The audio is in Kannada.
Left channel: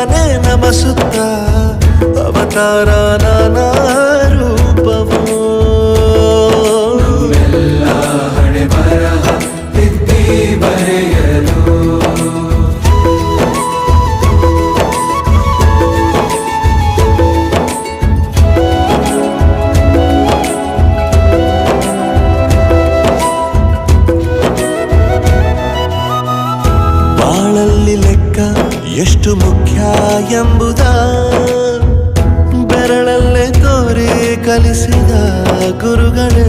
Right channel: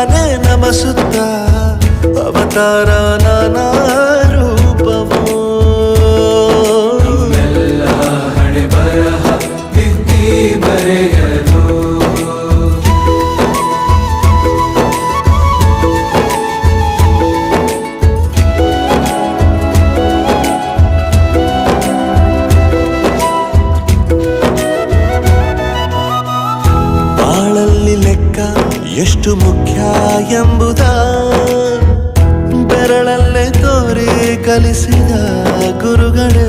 ನಾನೇ ನಮಸುತ್ತ ಅವತಾರ ನಾನಾ ರೂಪವೋ ಬಾಳಲ್ಲಿ ಲೆಕ್ಕ ಎಷ್ಟು ಮುಖ್ಯ ಎಂಬುದ ಬೆರಳಲ್ಲೇ ತೋರಿ ಕಲಿಸಿದ ಗುರುಗಳೇ.